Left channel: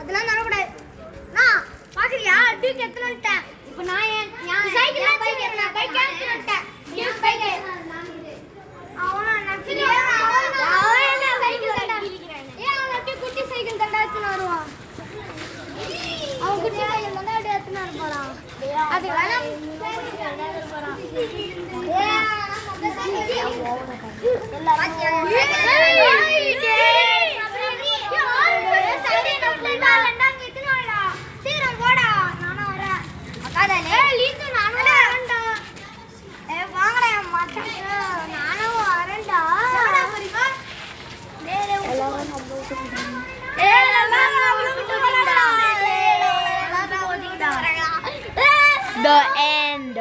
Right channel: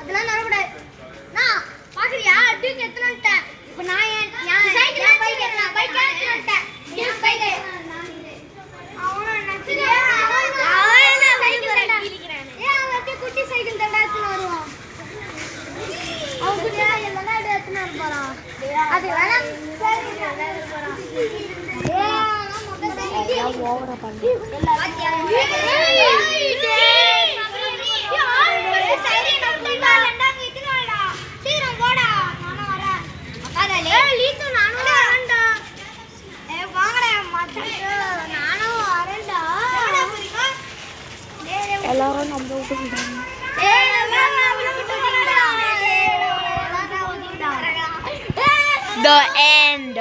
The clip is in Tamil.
அதெல்லாம் நடக்கூடாது. நான் பாக்குறியா டியூக் எத்தனை வந்துட்டேன். இப்போ நான் சைக்கிள் பைக் கேன்சல் வந்துட்டேன். டியூக் பைக் அவன நச்சியா அவன சைக்கிள் தண்டா கிளிக்கிறானே. அவன் அப்படியே குட்டி சைக்கிள் தண்டா எடுத்து வருவான். அவன் குட்டி சைக்கிள் தண்டா எடுத்து போறான். அது வேணா சைக்கிள் போறான். நான் மொத சைக்கிள் The end.